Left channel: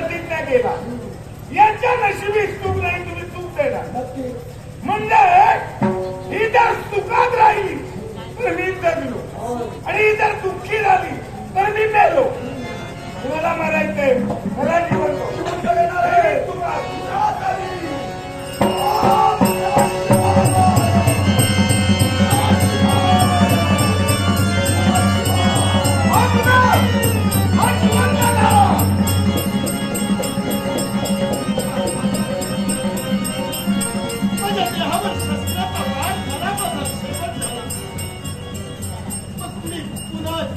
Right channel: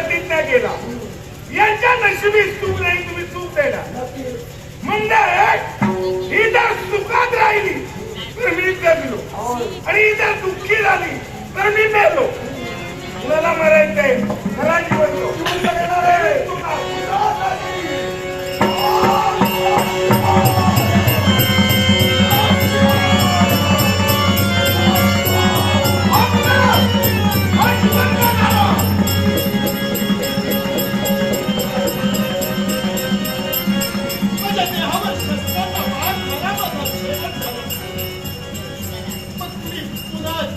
प्रतिज्ञा केला. यांच्या नशिबी चूक नाही तुम्ही चूक केला. म्हणजे ही जर सुखात राहिली तर मी जगलो आणि ही जर दुःखी झाली तर मी मेलो कुणाला मरायचंय मला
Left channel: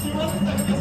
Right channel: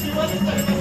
言われたよ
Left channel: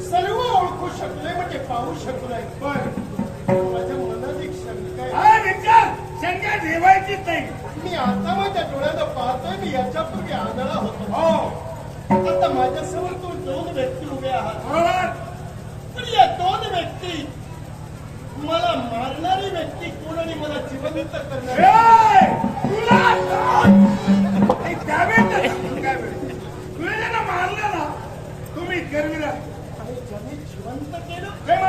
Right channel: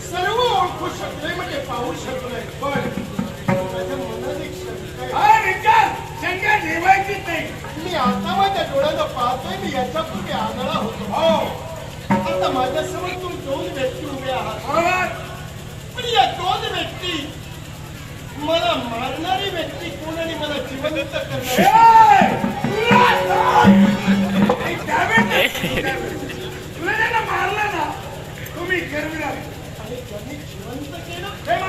सर्व ओळखू शकले म्हणजे पाहू शकले पण माझ्या मनात एक आता माझ्या डोळ्याला पाहतोय दोन व्यक्ती उभे पण या दोन व्यक्ती मला मारणारी व्यक्ती कोण आणि मला जिवंत करणारी?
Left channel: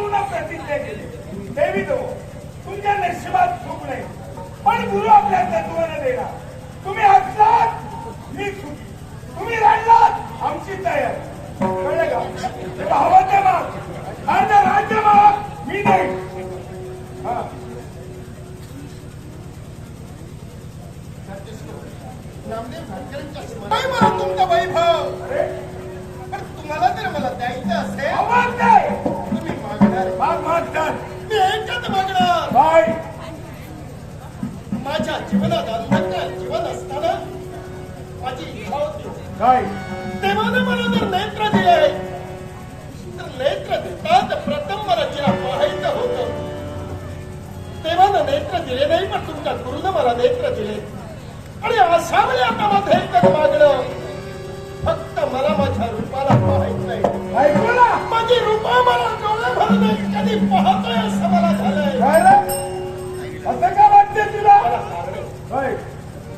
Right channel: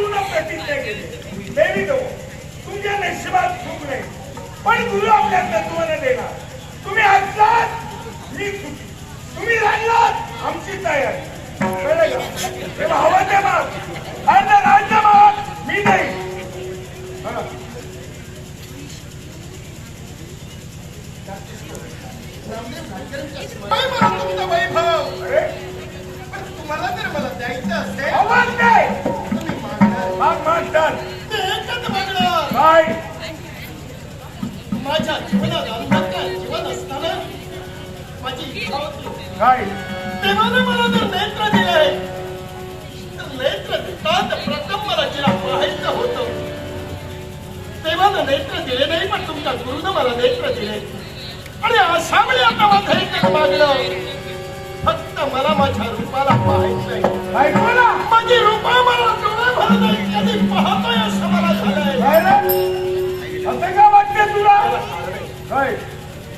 गुरुला प्रतिज्ञा केली. देवी देव तुमच्या नशिबात चूक नाही. पण गुरु आपल्या तत्वाने देणार. तुम्ही हसलात तुम्ही रडलात आमची तयारी. हवं ते मग अर्ध राज्य मग मी नाही. हा. वैभव. तुम्हाला जर मला द्यायचं असेल काय माझ्या जीवनात अन्नत्र जीवन असताना माझी इच्छा होती काय देवाने मला जर नेत्र दिले तर नेत्र देतात प्रथम मला जिला पाहायचं होतं देवानं नेत्र दिले नाही पण तुमच्या गुरुनं मला नेत्र दिले आणि अशा आता माझं एकच मागलं फक्त मला माझ्या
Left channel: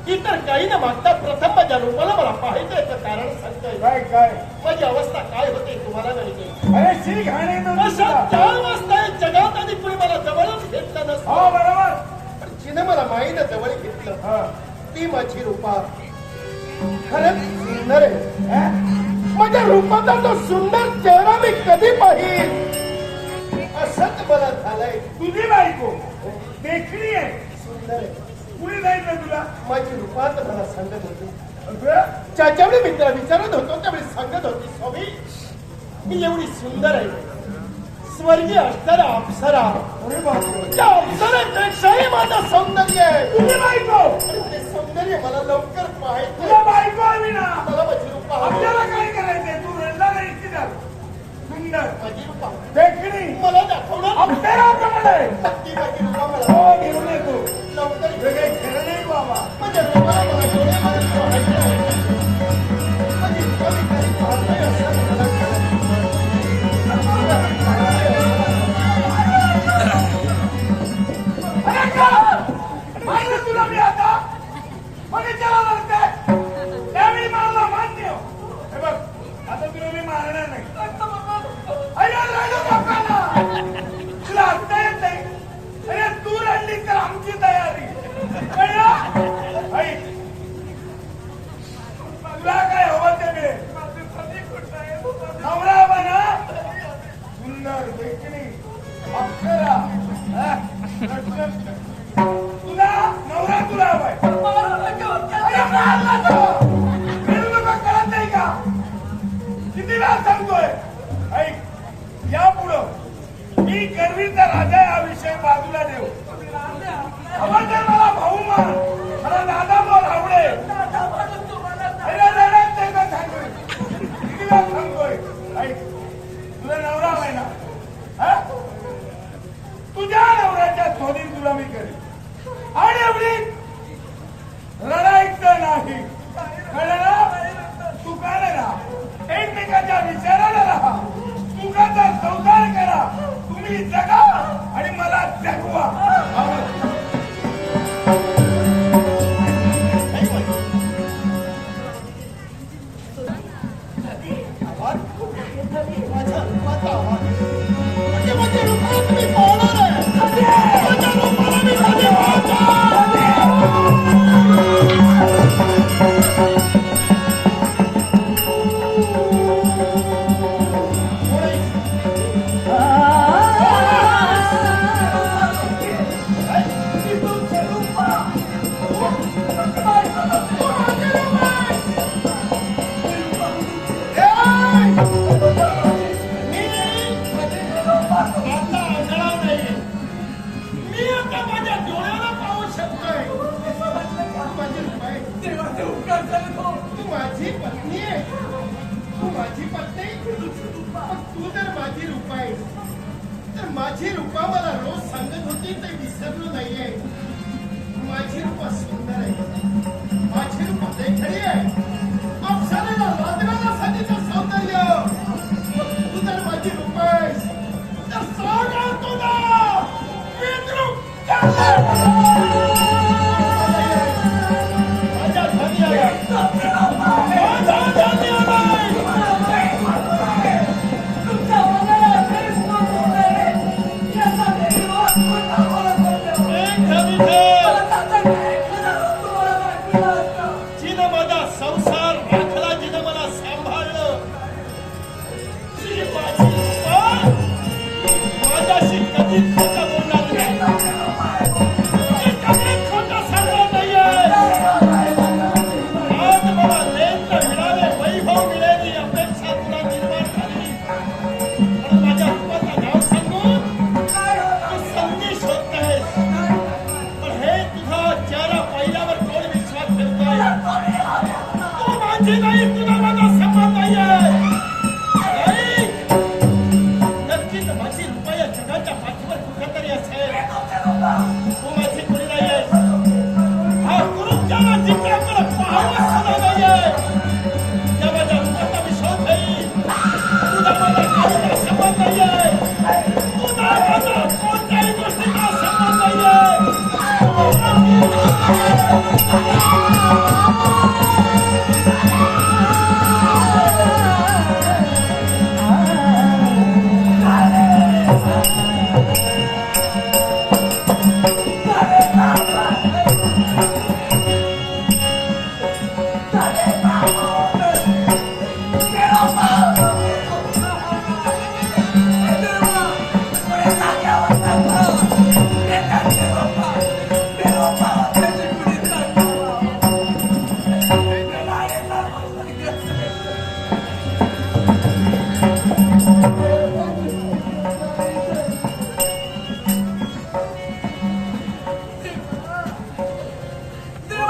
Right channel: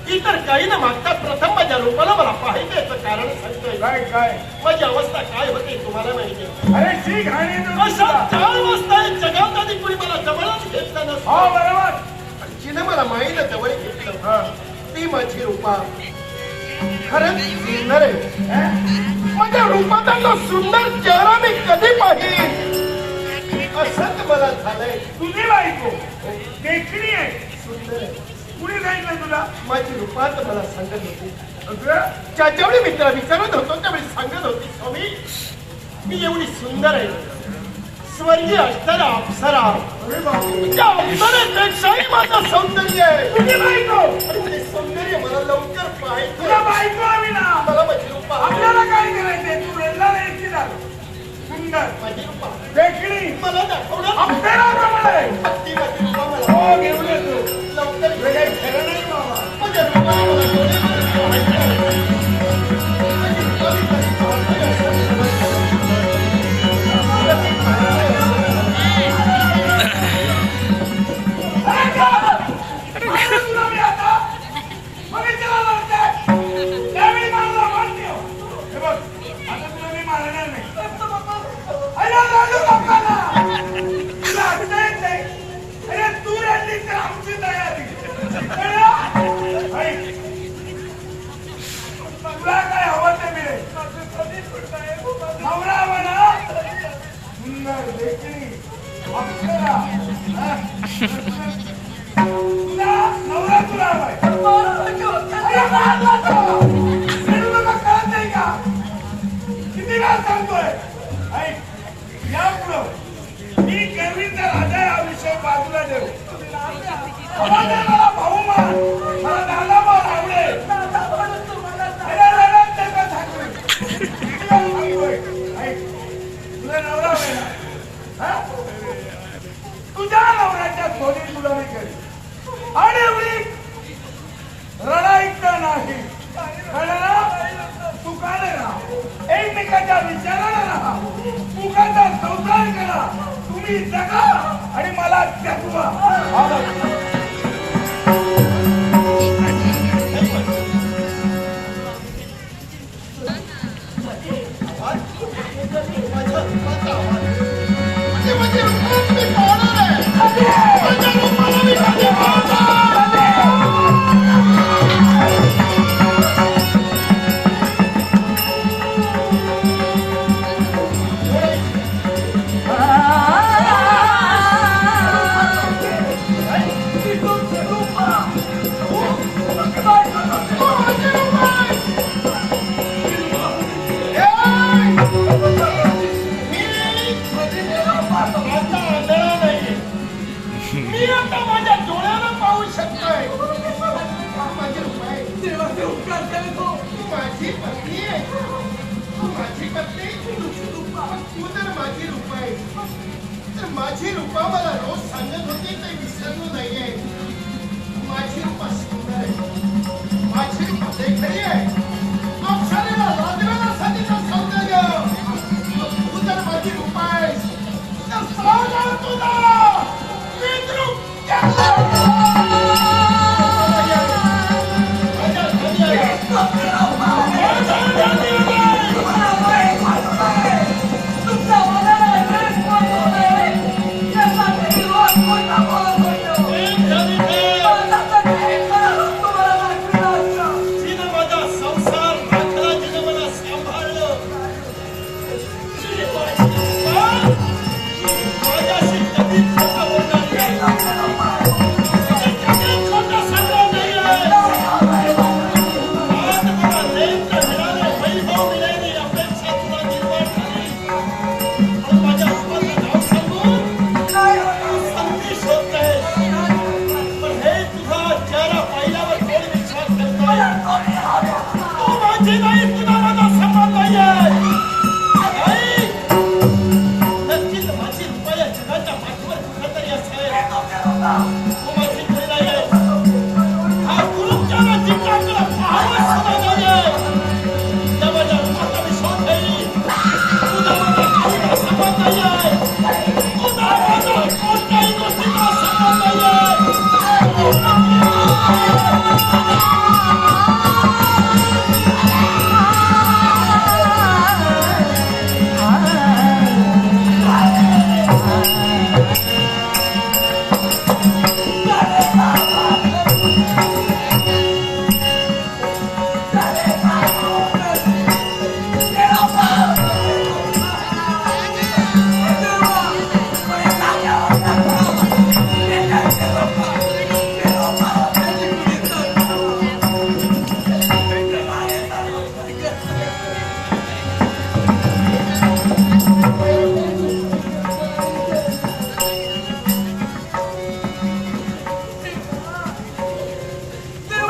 इतर काही न मागता प्रथम माझ्या रूपाला मला पाहिजे कारण सांगतोय. काय काय माझी अवस्था काय होती तुम्हाला माहिती अरे शी घाणे चार वाजता जगात आधी कुणी मला जवळच घेतलं हो नसतं बरोबर. पण जिनं मला माईनं जवळ घेतलं. हा. ती माझी रूपा. खरंच सुंदर आहे हा? माझ्या रूपाचा सुंदर चेहरा मी कधी पाहिजे असंच मला झालंय. तुझी बायको देखणी आहे. सुंदर कुणी सांगितलं तुला? माझी रूपात मला सांगत होती? ज्याच्यावेळी मित्र विचारत होतो त्यावेळी सांगत होती स्वामी मी एवढी सुंदर आहे. स्वर्गीय असताना अप्सरा. त्या अप्सरेपेक्षाही माझं सौंदर्य आहे. तुझी बायको. ते सौंदर्य मला लवकर तुला पाहायचं बायको हवी ना. मला माझी रूपा. आपल्याला काय करायचंय? तू रेल्ला रेल्ली झालं. सुंदर. माझी रूपा देखणी. मला दाखवलं. आपल्याला प्रमाणे माझी सुंदर देखणी अप्सरा हा? तुला नवरा तुला हवाय. अरे मारला तो. रेणू बाबा कळत नाही का? किती वेळा सांगतोय? ऐक या पुढं. मी गर्वीचा राजा हा विषय बाजूला देऊ मला भाऊ मान मला दादा मान आवडेल अरे रडत नका सांगू. किती वेळा सांगतोय ऐक तुझा नवरा आहे ना हा? तुझ्या नवऱ्याच्या सोबत तुला मी केली आणि एवढी रडायचं नाही. कळलं? राहा. एकमेकाच्या विचाराला राहा. सुखाचा संसार करा. तुम्ही जगा आणि मला जगवा. तू माझी पत्नी आहे तू माझी पत्नी तू तर माझी रूपा आहे तर माझी रूपा मला रोज सांगत होती ते विसरलो नाहीये माझी रूपा सुंदर आहे माझी रूपा देखणी आहे अप्सरेला लाजण्यासाठी तर सौंदर्य तू तर माझी रूपा आहे तर सांगा